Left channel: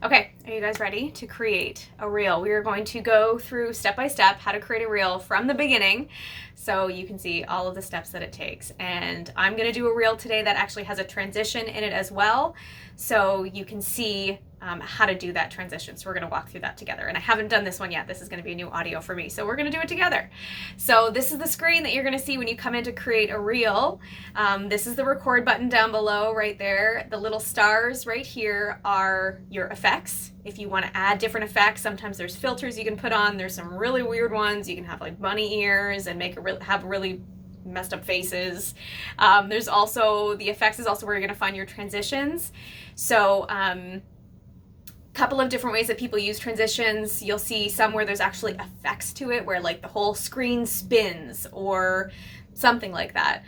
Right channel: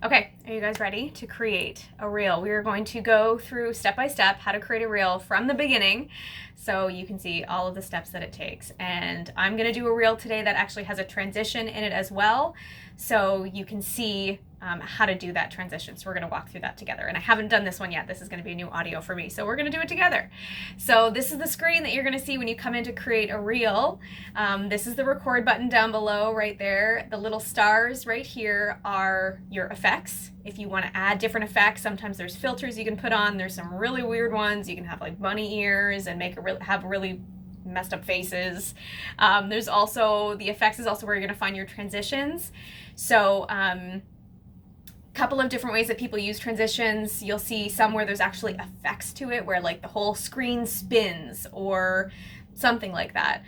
Okay, are you guys ready to create a reel? We are going to go through step by step how to create a reel from the beginning so you can see all of the steps that it takes. And I'm going to do a reel today that actually has a transition in it as well, so you can see how to do that transition. So we're going to walk through that together. And I haven't done this one yet. This is going to be a new audio for me, so we're going to do it together. So this is the screen that you're going to see when you come in to create a reel. This is the record button down below right there. The little stars right here are your effects. If you want to add different effects, sometimes there's filters you can put on. There's some really weird ones. You can have like bunny ears and have really messed up faces. There's also, the effects is also where you're going to find your transitions. So couple of different ways that people use transitions. You'll see some where there's actually effects to it, where like the whole screen spins or something like that.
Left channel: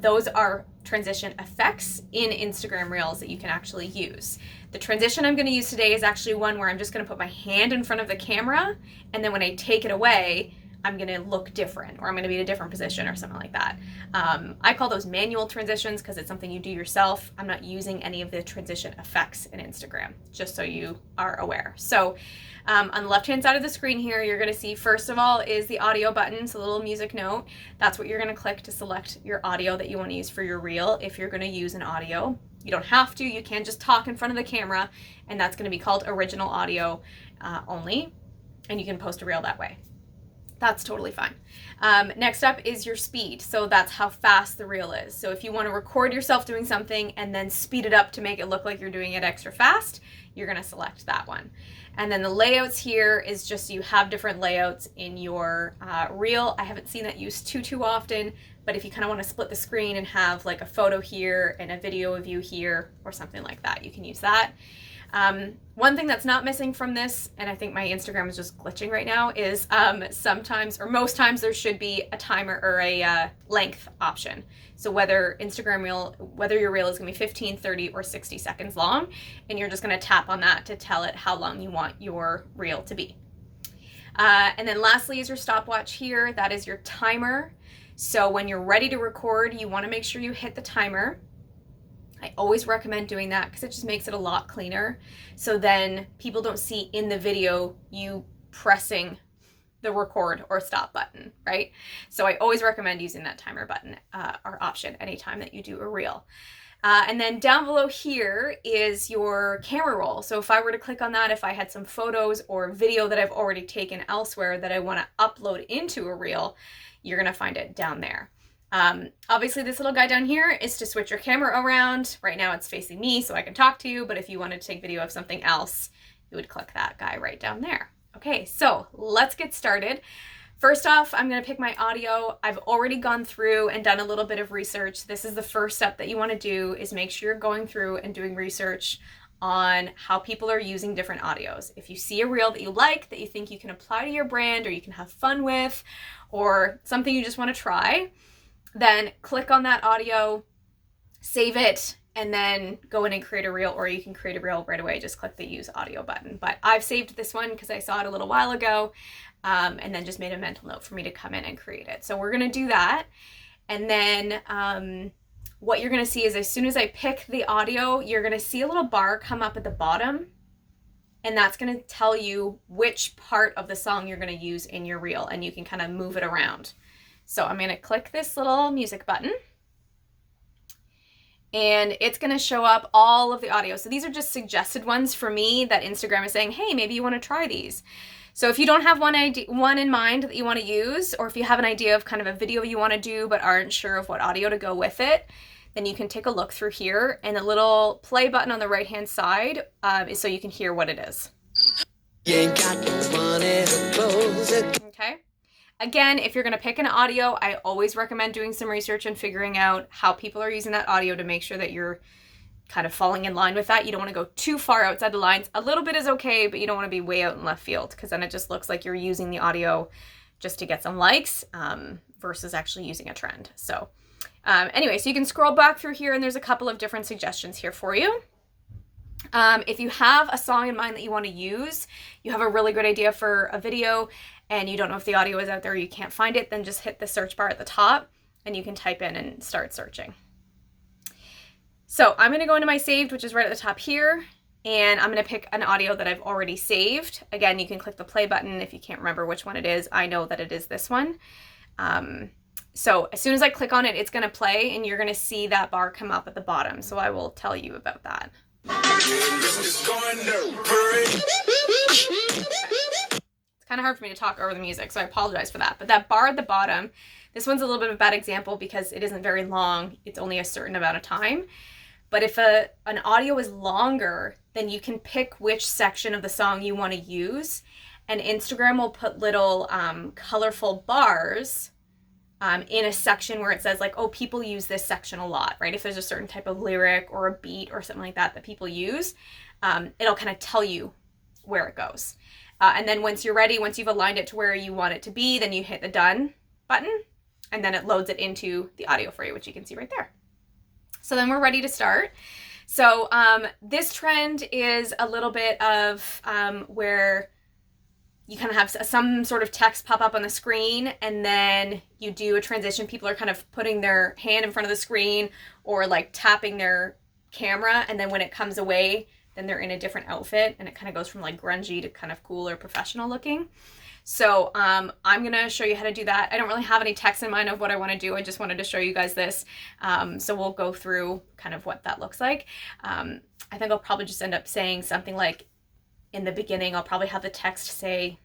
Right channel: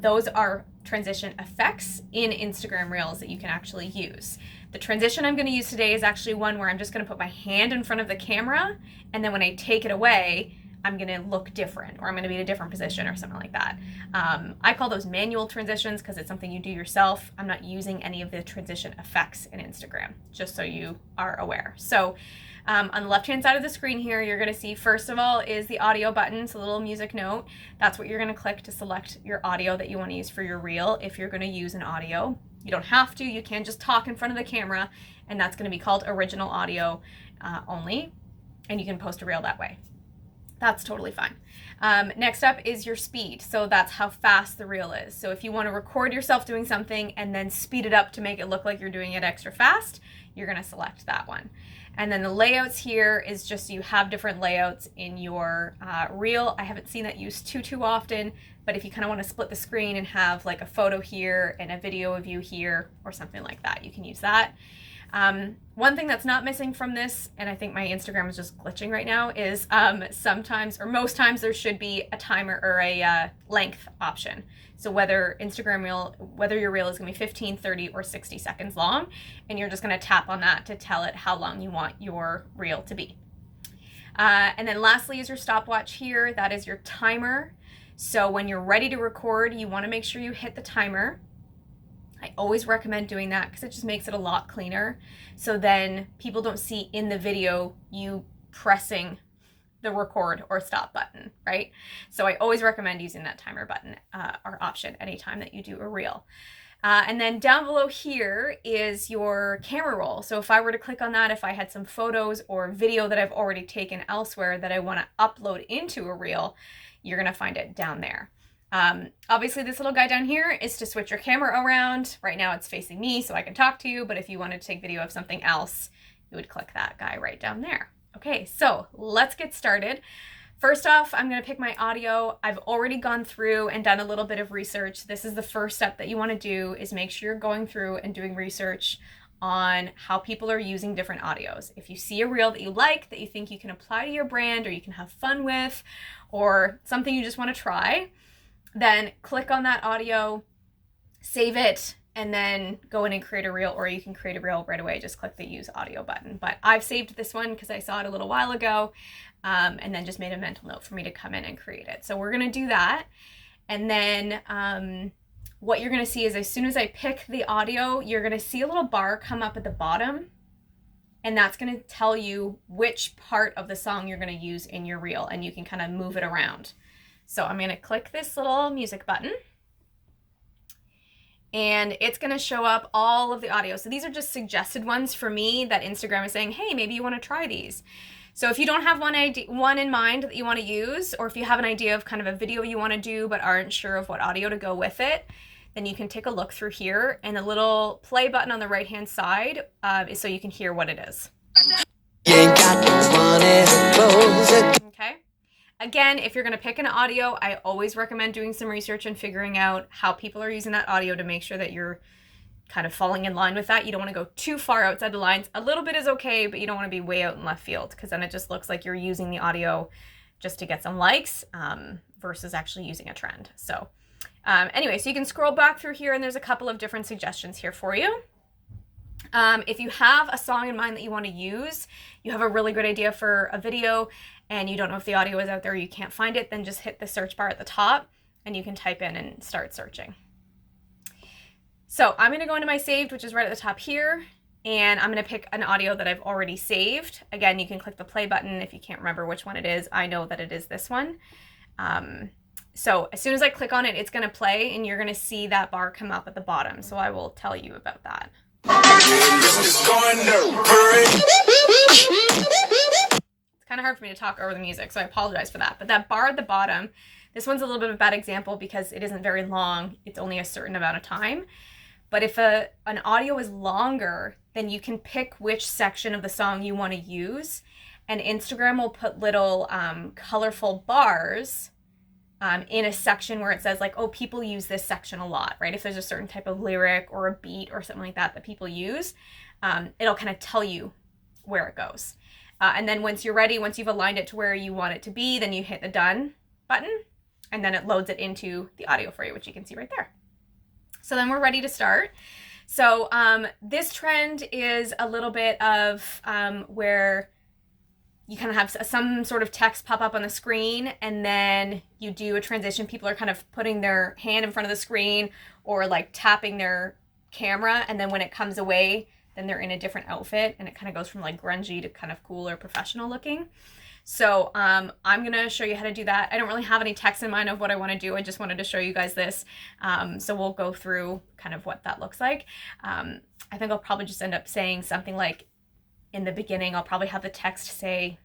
Those are transition effects in Instagram Reels that you can actually use. The transition I'm going to use today is actually one where I'm just going to put my hand in front of the camera, and then when I take it away, I'm going to look different, or I'm going to be in a different position or something like that. I call those manual transitions because it's something you do yourself. I'm not using any of the transition effects in Instagram, just so you are aware. So on the left-hand side of the screen here, you're going to see, first of all, is the audio button, so a little music note. That's what you're going to click to select your audio that you want to use for your reel. If you're going to use an audio, you don't have to. You can just talk in front of the camera, and that's going to be called original audio only, and you can post a reel that way. That's totally fine. Next up is your speed. So that's how fast the reel is. So if you want to record yourself doing something and then speed it up to make it look like you're doing it extra fast, you're going to select that one. And then the layouts here is just, you have different layouts in your reel. I haven't seen that used too often, but if you kind of want to split the screen and have like a photo here and a video of you here or something like that, you can use that. One thing that's not missing from this, and I think my Instagram is just glitching right now, is sometimes, or most times, there should be a timer or a length option. So whether your reel is going to be 15, 30, or 60 seconds long, and you're just going to tap on that to tell it how long you want your reel to be. And then lastly is your stopwatch here. That is your timer. So when you're ready to record, you want to make sure you hit the timer. I always recommend doing that because it just makes it a lot cleaner. So then people don't see in the video you pressing the record or stop button, right? So I always recommend using that timer button or option anytime that you do a reel. And then down below here is your camera roll. So if I were to click on that, if I had some photos or video that I've already taken elsewhere that I want to upload into a reel, you're going to find it down there. Obviously this little guy down here is to switch your camera around. Right now it's facing me so I can talk to you, but if you wanted to take video of something else, you would click that guy right down there. Okay, so let's get started. First off, I'm going to pick my audio. I've already gone through and done a little bit of research. This is the first step that you want to do, is make sure you're going through and doing research on how people are using different audios. If you see a reel that you like, that you think you can apply to your brand or you can have fun with, or something you just want to try, then click on that audio, save it, and then go in and create a reel, or you can create a reel right away. Just click the use audio button. But I've saved this one because I saw it a little while ago, and then just made a mental note for me to come in and create it. So we're going to do that. And then what you're going to see is, as soon as I pick the audio, you're going to see a little bar come up at the bottom, and that's going to tell you which part of the song you're going to use in your reel, and you can kind of move it around. So I'm going to click this little music button, and it's going to show up all of the audio. So these are just suggested ones for me that Instagram is saying, hey, maybe you want to try these. So if you don't have one in mind that you want to use, or if you have an idea of kind of a video you want to do but aren't sure of what audio to go with it, then you can take a look through here, and the little play button on the right hand side is so you can hear what it is. Okay. Again, if you're going to pick an audio, I always recommend doing some research and figuring out how people are using that audio to make sure that you're kind of falling in line with that. You don't want to go too far outside the lines. A little bit is okay, but you don't want to be way out in left field, because then it just looks like you're using the audio just to get some likes versus actually using a trend. So anyway, so you can scroll back through here, and there's a couple of different suggestions here for you. If you have a song in mind that you want to use, you have a really good idea for a video, and you don't know if the audio is out there, or you can't find it, then just hit the search bar at the top and you can type in and start searching. So I'm going to go into my saved, which is right at the top here, and I'm going to pick an audio that I've already saved. Again, you can click the play button if you can't remember which one it is. I know that it is this one. So as soon as I click on it, it's going to play and you're going to see that bar come up at the bottom. So I will tell you about that. It's kind of hard for me to talk over the music, so I apologize for that. But that bar at the bottom, this one's a little bit of a bad example because it isn't very long. It's only a certain amount of time. But if an audio is longer, then you can pick which section of the song you want to use. And Instagram will put little colorful bars in a section where it says like, oh, people use this section a lot, right? If there's a certain type of lyric or a beat or something like that that people use, it'll kind of tell you where it goes. And then once you're ready, once you've aligned it to where you want it to be, then you hit the done button and then it loads it into the audio for you, which you can see right there. So then we're ready to start. So this trend is a little bit of where you kind of have some sort of text pop up on the screen and then you do a transition. People are kind of putting their hand in front of the screen or like tapping their camera, and then when it comes away, then they're in a different outfit and it kind of goes from like grungy to kind of cool or professional looking. So I'm going to show you how to do that. I don't really have any text in mind of what I want to do. I just wanted to show you guys this. So we'll go through kind of what that looks like. I think I'll probably just end up saying something like, in the beginning, I'll probably have the text say,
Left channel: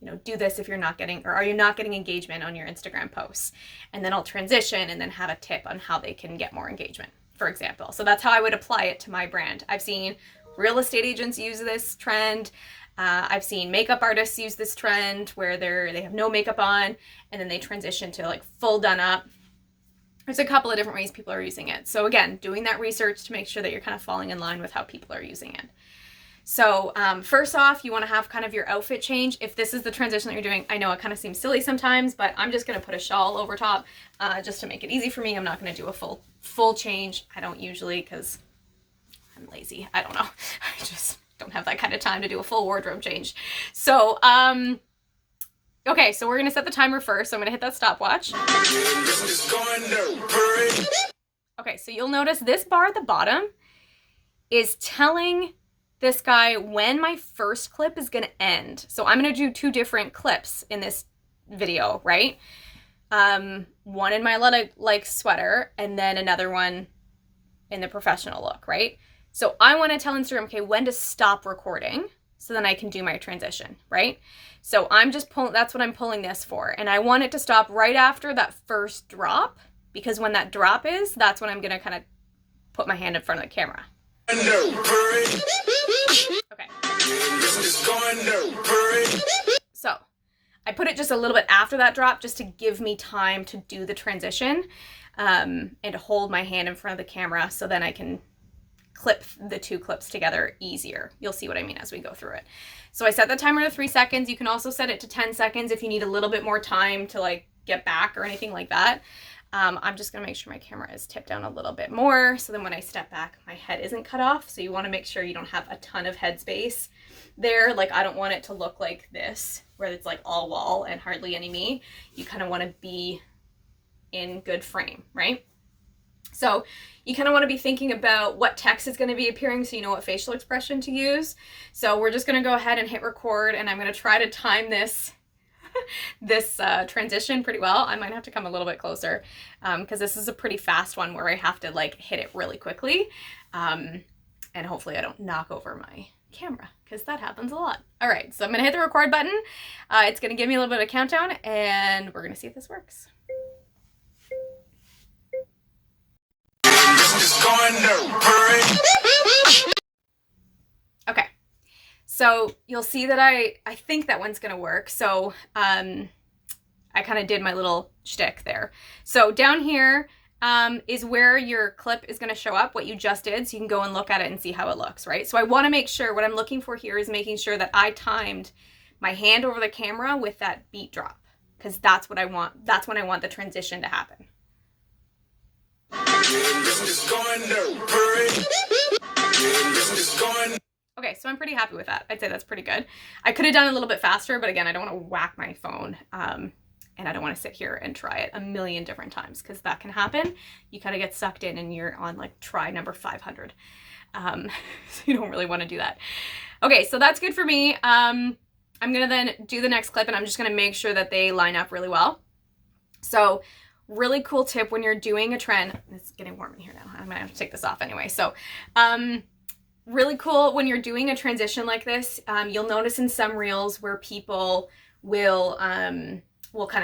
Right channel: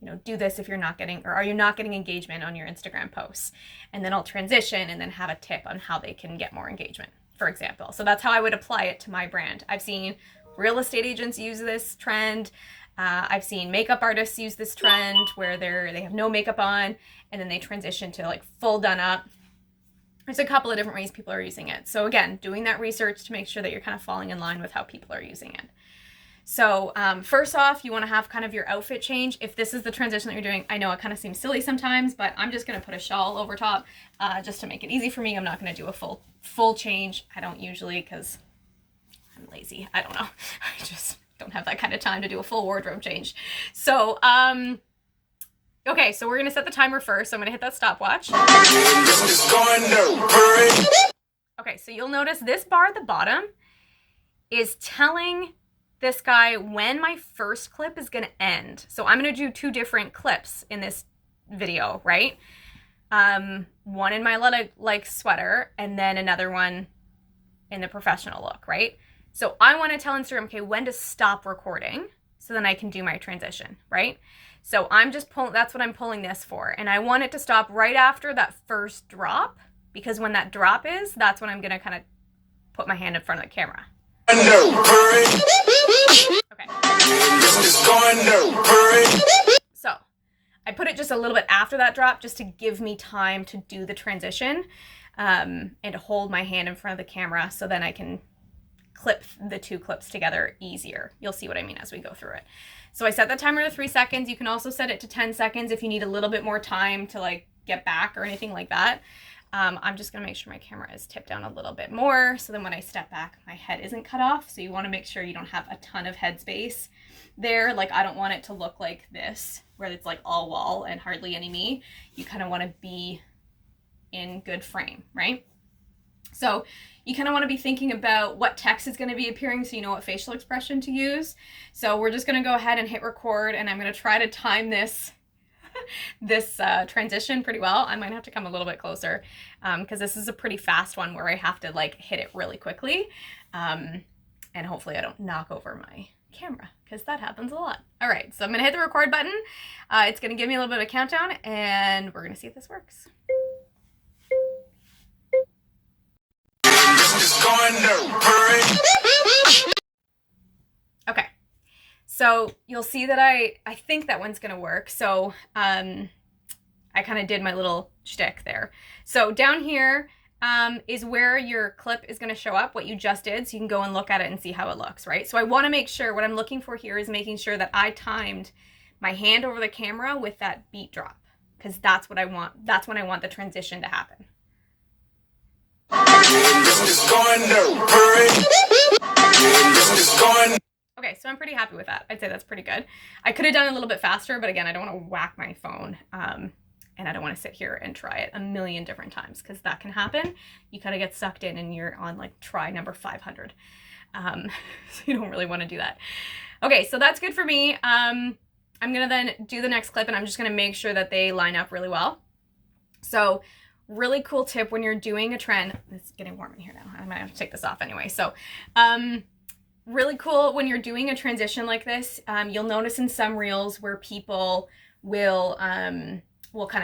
you know, do this if you're not getting, or are you not getting engagement on your Instagram posts? And then I'll transition and then have a tip on how they can get more engagement, for example. So that's how I would apply it to my brand. I've seen real estate agents use this trend. I've seen makeup artists use this trend where they have no makeup on and then they transition to like full done up. There's a couple of different ways people are using it. So again, doing that research to make sure that you're kind of falling in line with how people are using it. So first off, you want to have kind of your outfit change. If this is the transition that you're doing, I know it kind of seems silly sometimes, but I'm just going to put a shawl over top just to make it easy for me. I'm not going to do a full change. I don't usually because I'm lazy. I don't know. I just don't have that kind of time to do a full wardrobe change. So, okay, so we're going to set the timer first. So I'm going to hit that stopwatch. Okay, so you'll notice this bar at the bottom is telling this guy when my first clip is going to end. So I'm going to do 2 different clips in this video, right? One in my like sweater and then another one in the professional look, right? So I want to tell Instagram, okay, when to stop recording so then I can do my transition, right? So I'm just pulling, that's what I'm pulling this for. And I want it to stop right after that first drop, because when that drop is, that's when I'm going to kind of put my hand in front of the camera. Okay. So I put it just a little bit after that drop just to give me time to do the transition and to hold my hand in front of the camera so then I can clip the 2 clips together easier. You'll see what I mean as we go through it. So I set the timer to 3 seconds. You can also set it to 10 seconds if you need a little bit more time to like get back or anything like that. I'm just gonna make sure my camera is tipped down a little bit more so then when I step back, my head isn't cut off. So you wanna make sure you don't have a ton of head space there. Like I don't want it to look like this, where it's like all wall and hardly any me. You kind of wanna be in good frame, right? So you kind of want to be thinking about what text is going to be appearing so you know what facial expression to use. So we're just going to go ahead and hit record, and I'm going to try to time this transition pretty well. I might have to come a little bit closer because this is a pretty fast one where I have to like hit it really quickly. And hopefully I don't knock over my camera because that happens a lot. All right, so I'm going to hit the record button. It's going to give me a little bit of a countdown and we're going to see if this works. Okay, so you'll see that I think that one's gonna work. So I kind of did my little shtick there. So down here is where your clip is gonna show up, what you just did, so you can go and look at it and see how it looks, right? So I wanna make sure, what I'm looking for here is making sure that I timed my hand over the camera with that beat drop, because that's what I want, that's when I want the transition to happen. Okay, so I'm pretty happy with that. I'd say that's pretty good. I could have done it a little bit faster, but again, I don't want to whack my phone and I don't want to sit here and try it a million different times because that can happen. You kind of get sucked in and you're on like try number 500. So you don't really want to do that. Okay, so that's good for me. I'm gonna then do the next clip, and I'm just gonna make sure that they line up really well. So really cool tip when you're doing a trend. It's getting warm in here now. I'm gonna have to take this off anyway. So really cool when you're doing a transition like this. You'll notice in some reels where people will kind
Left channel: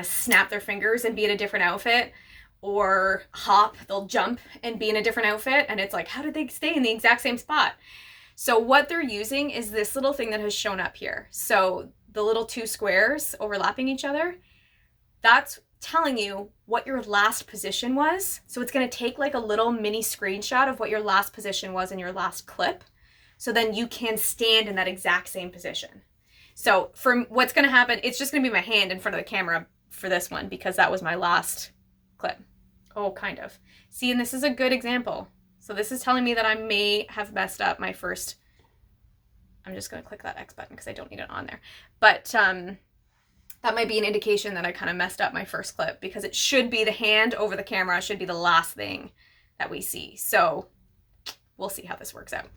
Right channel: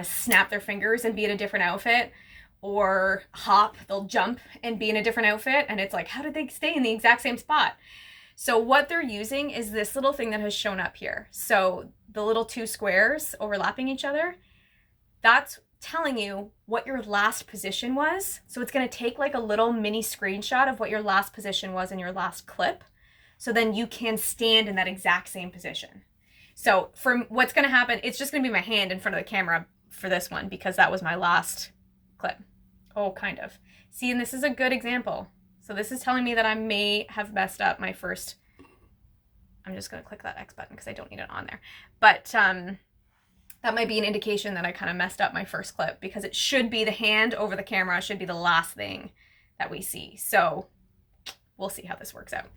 of snap their fingers and be in a different outfit, or hop, they'll jump and be in a different outfit, and it's like, how did they stay in the exact same spot? So what they're using is this little thing that has shown up here. So the little two squares overlapping each other, that's telling you what your last position was. So it's going to take like a little mini screenshot of what your last position was in your last clip. So then you can stand in that exact same position. So from what's going to happen, it's just going to be my hand in front of the camera for this one because that was my last clip. Oh, kind of. See, and this is a good example. So this is telling me that I may have messed up my first. I'm just going to click that X button because I don't need it on there. But that might be an indication that I kind of messed up my first clip, because it should be the hand over the camera. It should be the last thing that we see. So we'll see how this works out.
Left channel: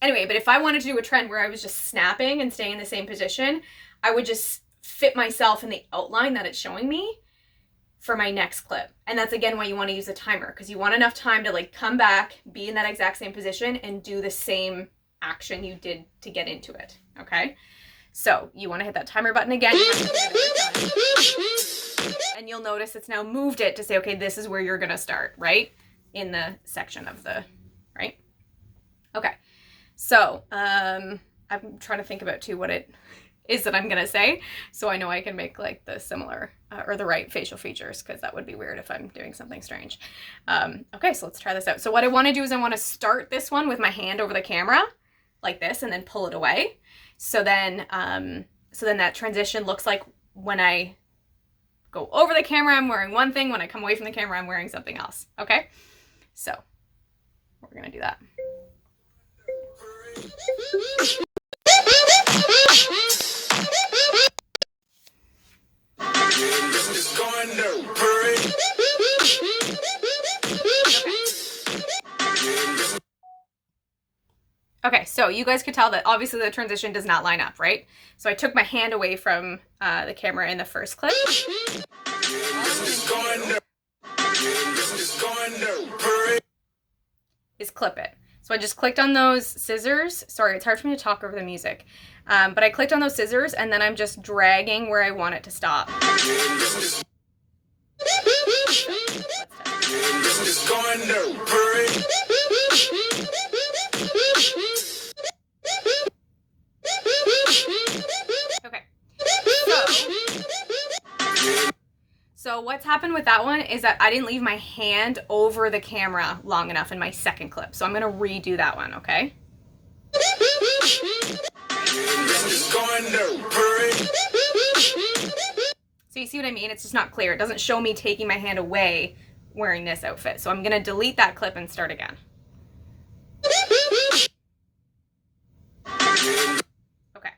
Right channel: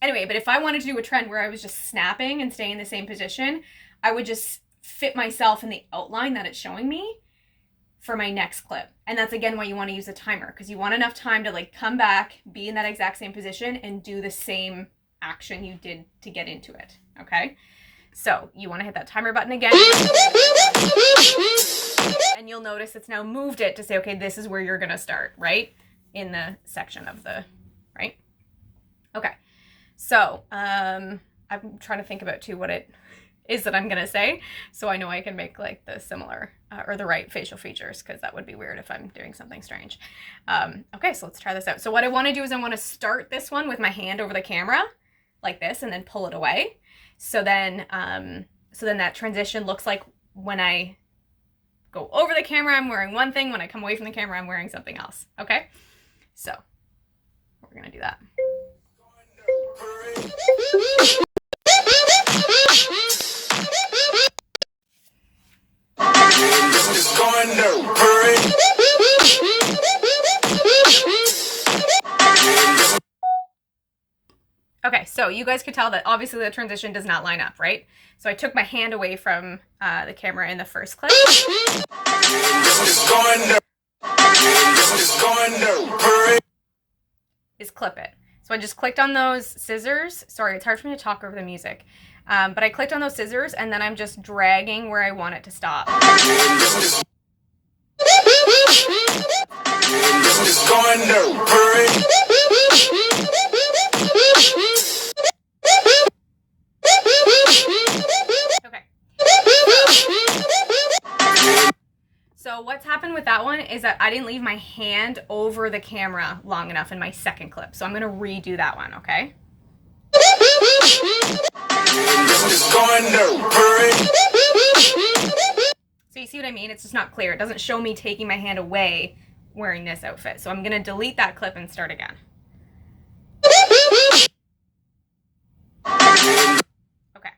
Anyway, but if I wanted to do a trend where I was just snapping and staying in the same position, I would just fit myself in the outline that it's showing me for my next clip. And that's again why you want to use a timer, because you want enough time to like come back, be in that exact same position, and do the same action you did to get into it. Okay, so you want to hit that timer button again, and you'll notice it's now moved it to say, okay, this is where you're gonna start, right in the section of the right. Okay, so I'm trying to think about too what it is that I'm gonna say, so I know I can make like the similar or the right facial features, because that would be weird if I'm doing something strange. Okay, so let's try this out. So what I want to do is I want to start this one with my hand over the camera like this, and then pull it away. So then that transition looks like when I go over the camera, I'm wearing one thing. When I come away from the camera, I'm wearing something else. Okay, so we're gonna do that. Okay, so you guys could tell that obviously the transition does not line up, right? So I took my hand away from the camera in the first clip. Is clip it. So I just clicked on those scissors. Sorry, it's hard for me to talk over the music. But I clicked on those scissors, and then I'm just dragging where I want it to stop. Okay. So what's happened with that one is that I didn't leave my hand over the camera long enough in my second clip. So I'm going to redo that one, okay? So you see what I mean? It's just not clear. It doesn't show me taking my hand away wearing this outfit. So I'm going to delete that clip and start again. Okay.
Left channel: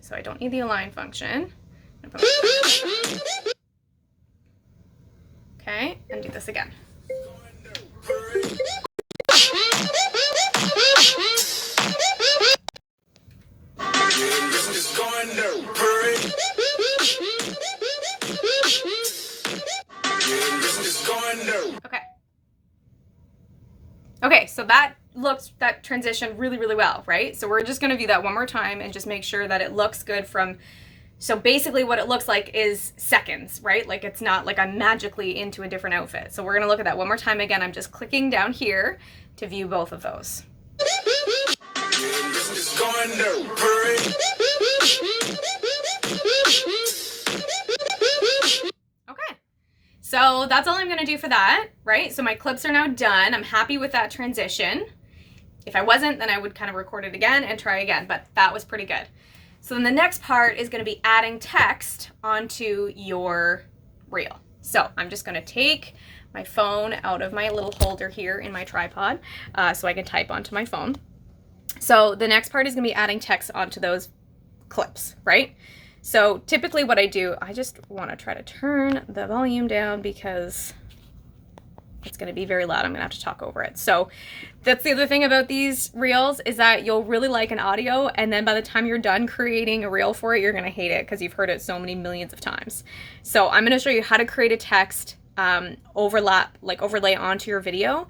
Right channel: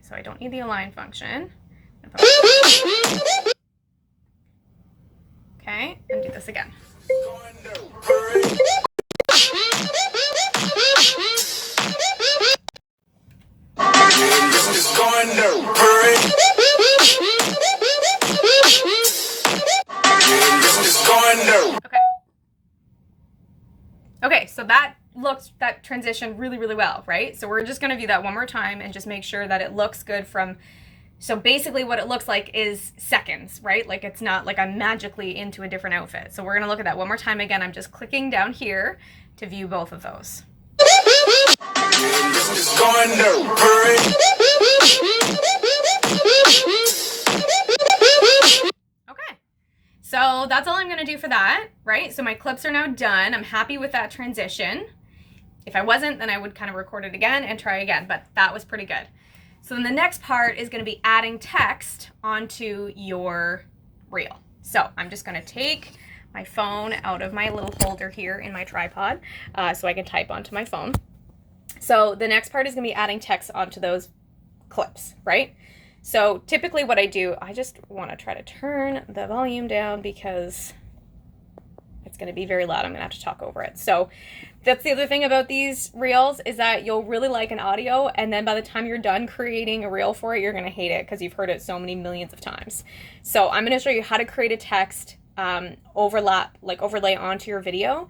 So I don't need the align function. Okay, and do this again. Okay, so that transition really, really well, right? So we're just gonna do that one more time and just make sure that it looks good from, so basically what it looks like is seconds, right? Like it's not like I'm magically into a different outfit. So we're gonna look at that one more time again. I'm just clicking down here to view both of those. Okay. So that's all I'm gonna do for that, right? So my clips are now done. I'm happy with that transition. If I wasn't, then I would kind of record it again and try again, but that was pretty good. So then the next part is gonna be adding text onto your reel. So I'm just gonna take my phone out of my little holder here in my tripod so I can type onto my phone. So the next part is gonna be adding text onto those clips, right? So typically what I do, I just wanna try to turn the volume down because it's going to be very loud. I'm going to have to talk over it. So that's the other thing about these reels, is that you'll really like an audio, and then by the time you're done creating a reel for it, you're going to hate it because you've heard it so many millions of times. So I'm going to show you how to create a text overlay onto your video,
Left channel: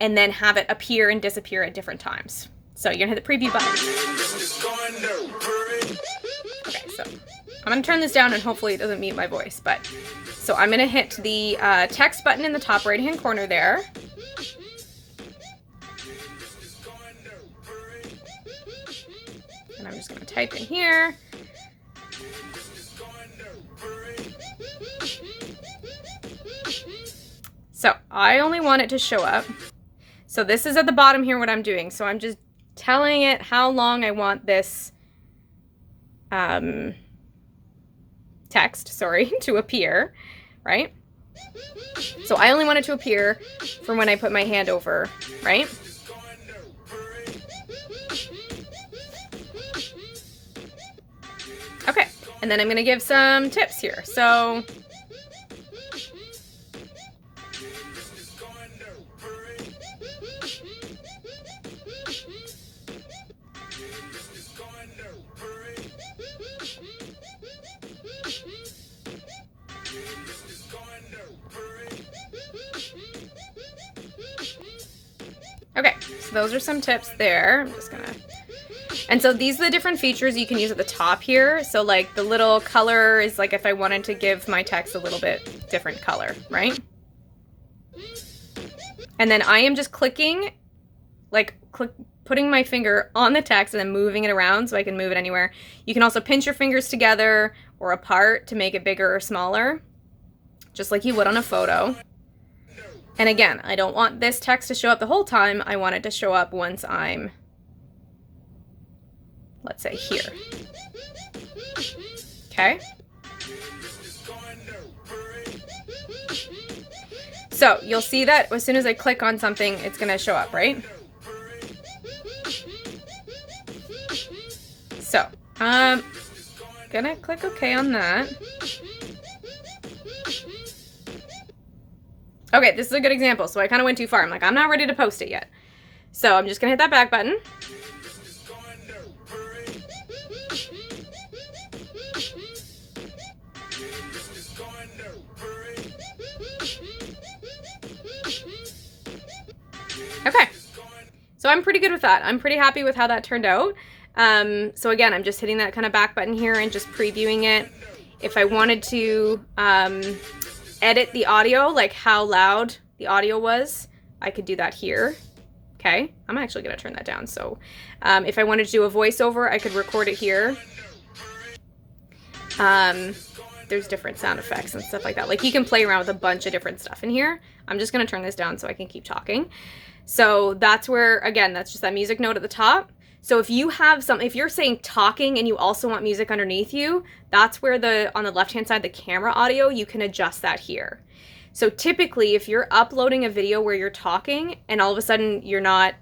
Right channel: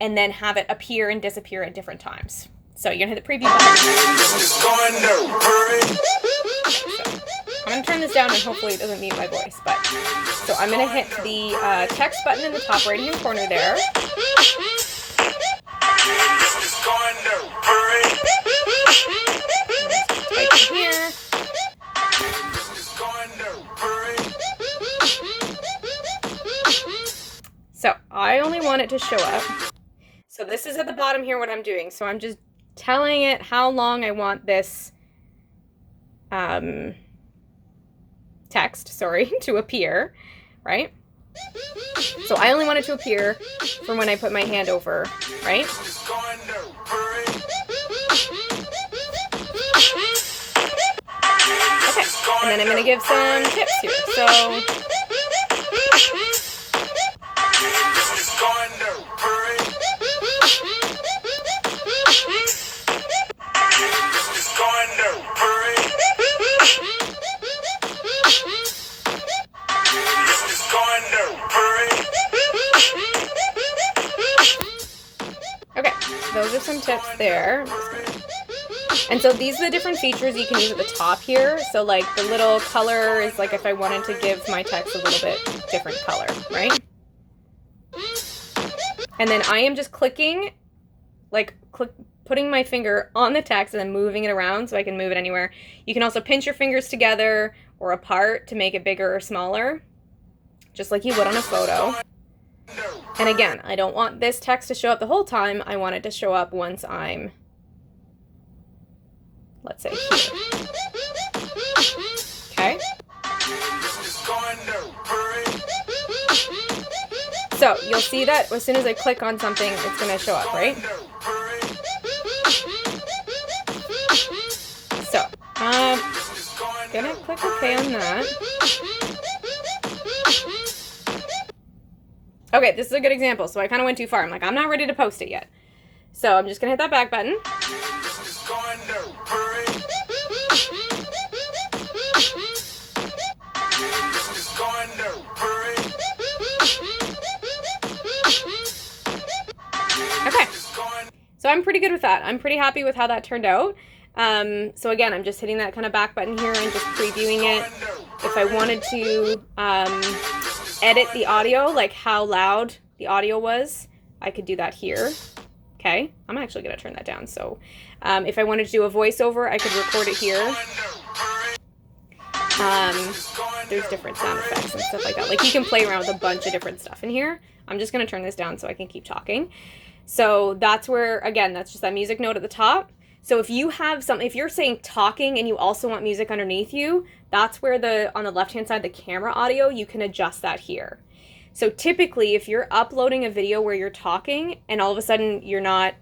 and then have it appear and disappear at different times. So you're going to hit the preview button. Okay, so I'm going to turn this down, and hopefully it doesn't mute my voice. But so I'm going to hit the text button in the top right hand corner there. Type in here. So I only want it to show up. So this is at the bottom here what I'm doing. So I'm just telling it how long I want this text, to appear, right? So I only want it to appear from when I put my hand over, right? Okay, and then I'm going to give some tips here. So okay, so those are some tips there. I'm just gonna... And so these are the different features you can use at the top here. So like the little color is like if I wanted to give my text a little bit different color, right? And then I am just clicking, putting my finger on the text and then moving it around so I can move it anywhere. You can also pinch your fingers together or apart to make it bigger or smaller, just like you would on a photo. And again, I don't want this text to show up the whole time. I want it to show up once I'm, let's say, here. Okay? So you'll see that as soon as I click on something, it's going to show up, right? So I'm going to click OK on that. Okay, this is a good example. So I kind of went too far. I'm like, I'm not ready to post it yet. So I'm just going to hit that back button. Okay, so I'm pretty good with that. I'm pretty happy with how that turned out. So again, I'm just hitting that kind of back button here and just previewing it. If I wanted to edit the audio, like how loud the audio was, I could do that here. Okay, I'm actually going to turn that down. So if I wanted to do a voiceover, I could record it here. There's different sound effects and stuff like that. Like you can play around with a bunch of different stuff in here. I'm just going to turn this down so I can keep talking. So that's where, again, that's just that music note at the top. So if you have if you're saying talking and you also want music underneath you, that's where on the left-hand side, the camera audio, you can adjust that here. So typically, if you're uploading a video where you're talking and all of a sudden you're not,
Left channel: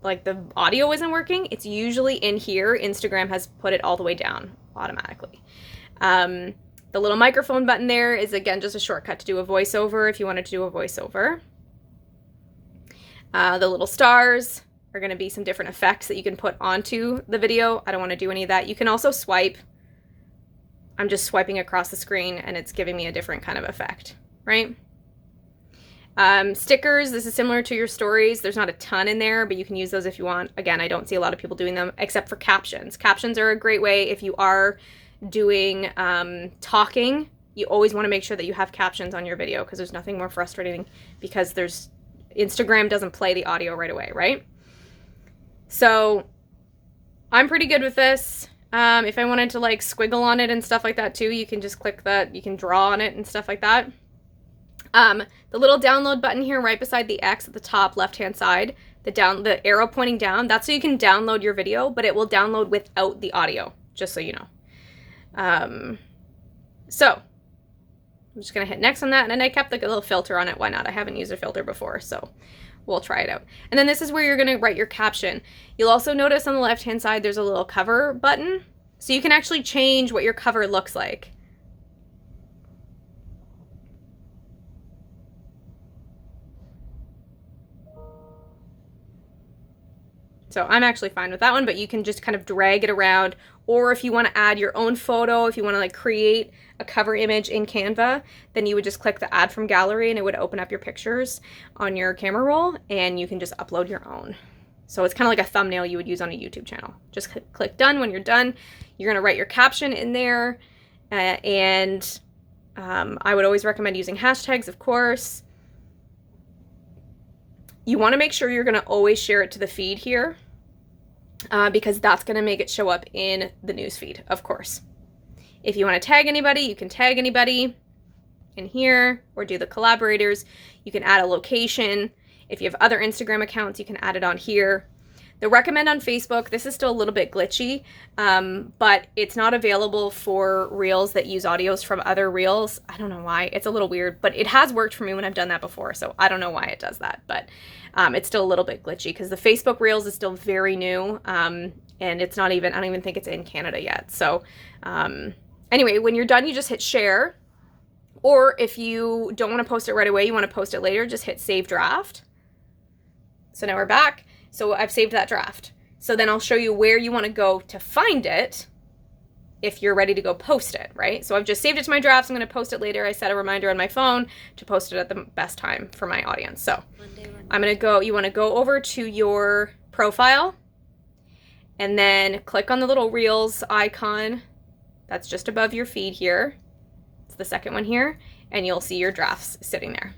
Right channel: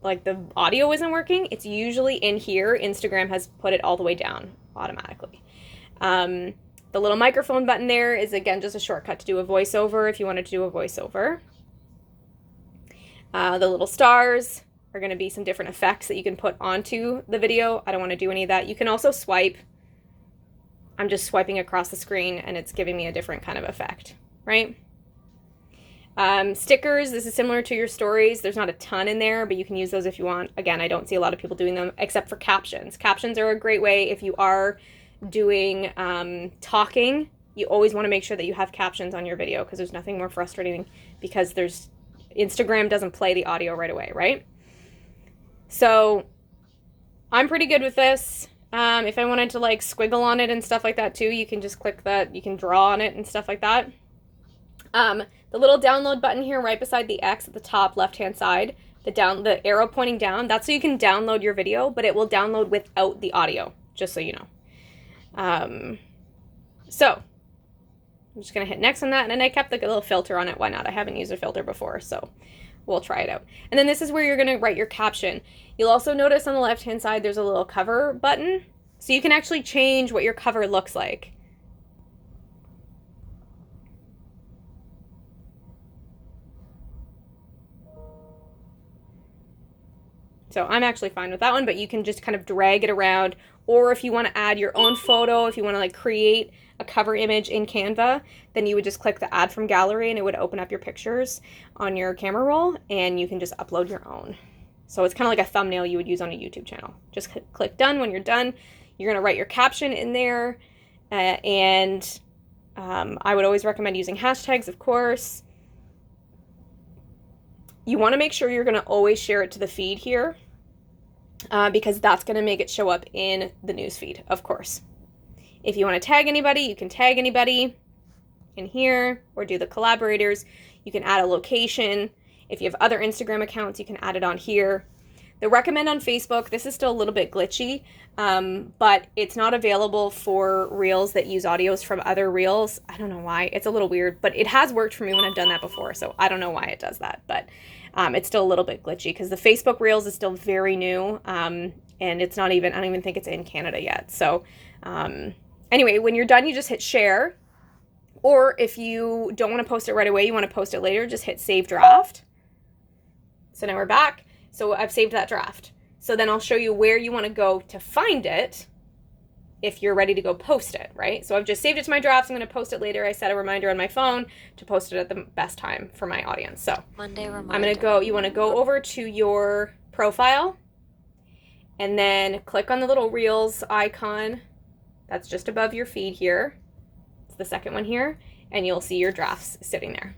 like the audio isn't working, it's usually in here. Instagram has put it all the way down automatically. The little microphone button there is, again, just a shortcut to do a voiceover if you wanted to do a voiceover. The little stars are going to be some different effects that you can put onto the video. I don't want to do any of that. You can also swipe. I'm just swiping across the screen and it's giving me a different kind of effect, right? Stickers, this is similar to your stories. There's not a ton in there, but you can use those if you want. Again, I don't see a lot of people doing them except for captions. Captions are a great way if you are doing talking. You always want to make sure that you have captions on your video because there's nothing more frustrating because Instagram doesn't play the audio right away, right? So I'm pretty good with this. If I wanted to like squiggle on it and stuff like that too, you can just click that. You can draw on it and stuff like that. The little download button here right beside the X at the top left-hand side, the arrow pointing down, that's so you can download your video, but it will download without the audio, just so you know. So I'm just going to hit next on that, and then I kept like a little filter on it. Why not? I haven't used a filter before, so we'll try it out. And then this is where you're going to write your caption. You'll also notice on the left-hand side there's a little cover button, so you can actually change what your cover looks like. So I'm actually fine with that one, but you can just kind of drag it around. Or if you want to add your own photo, if you want to like create a cover image in Canva, then you would just click the add from gallery and it would open up your pictures on your camera roll and you can just upload your own. So it's kind of like a thumbnail you would use on a YouTube channel. Just click done. When you're done, you're going to write your caption in there. I would always recommend using hashtags, of course. You want to make sure you're going to always share it to the feed here because that's going to make it show up in the news feed, of course. If you want to tag anybody, you can tag anybody in here or do the collaborators. You can add a location. If you have other Instagram accounts, you can add it on here. The recommend on Facebook, this is still a little bit glitchy, but it's not available for reels that use audios from other reels. I don't know why. It's a little weird, but it has worked for me when I've done that before, so I don't know why it does that, but it's still a little bit glitchy because the Facebook Reels is still very new, and it's not even, I don't even think it's in Canada yet. So anyway, when you're done, you just hit share, or if you don't want to post it right away, you want to post it later, just hit save draft. So now we're back. So I've saved that draft. So then I'll show you where you want to go to find it if you're ready to go post it, right? So I've just saved it to my drafts. I'm going to post it later. I set a reminder on my phone to post it at the best time for my audience. So Monday reminder. I'm going to go, you want to go over to your profile and then click on the little Reels icon that's just above your feed here. It's the second one here, and you'll see your drafts sitting there.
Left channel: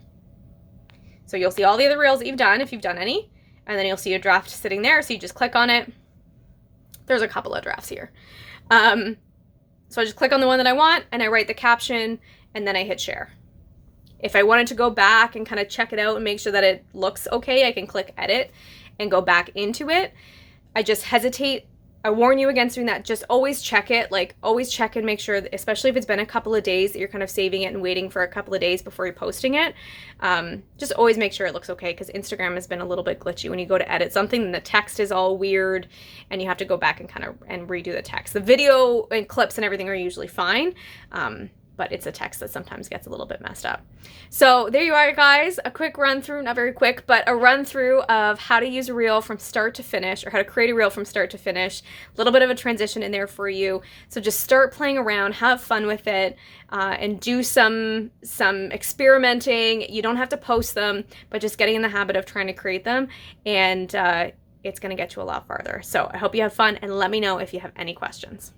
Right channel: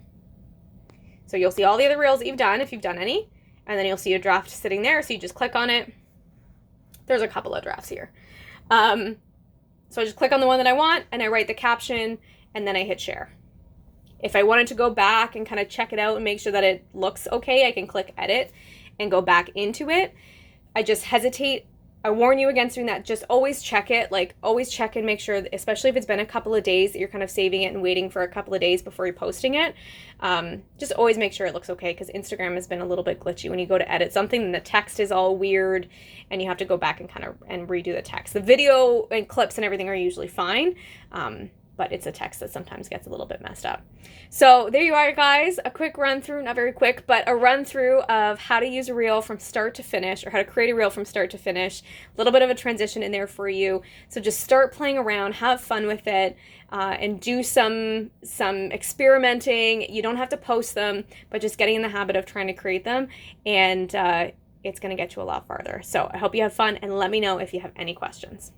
So you'll see all the other Reels that you've done, if you've done any, and then you'll see a draft sitting there. So you just click on it. There's a couple of drafts here. So I just click on the one that I want and I write the caption and then I hit share. If I wanted to go back and kind of check it out and make sure that it looks okay, I can click edit and go back into it. I just hesitate. I warn you against doing that. Just always check it. Like always check and make sure, that, especially if it's been a couple of days, that you're kind of saving it and waiting for a couple of days before you're posting it. Just always make sure it looks okay because Instagram has been a little bit glitchy. When you go to edit something, then the text is all weird and you have to go back and kind of redo the text. The video and clips and everything are usually fine. But it's a text that sometimes gets a little bit messed up. So there you are, guys. A quick run through, not very quick, but a run through of how to use a reel from start to finish, or how to create a reel from start to finish. A little bit of a transition in there for you. So just start playing around, have fun with it, and do some experimenting. You don't have to post them, but just getting in the habit of trying to create them, and it's going to get you a lot farther. So I hope you have fun, and let me know if you have any questions.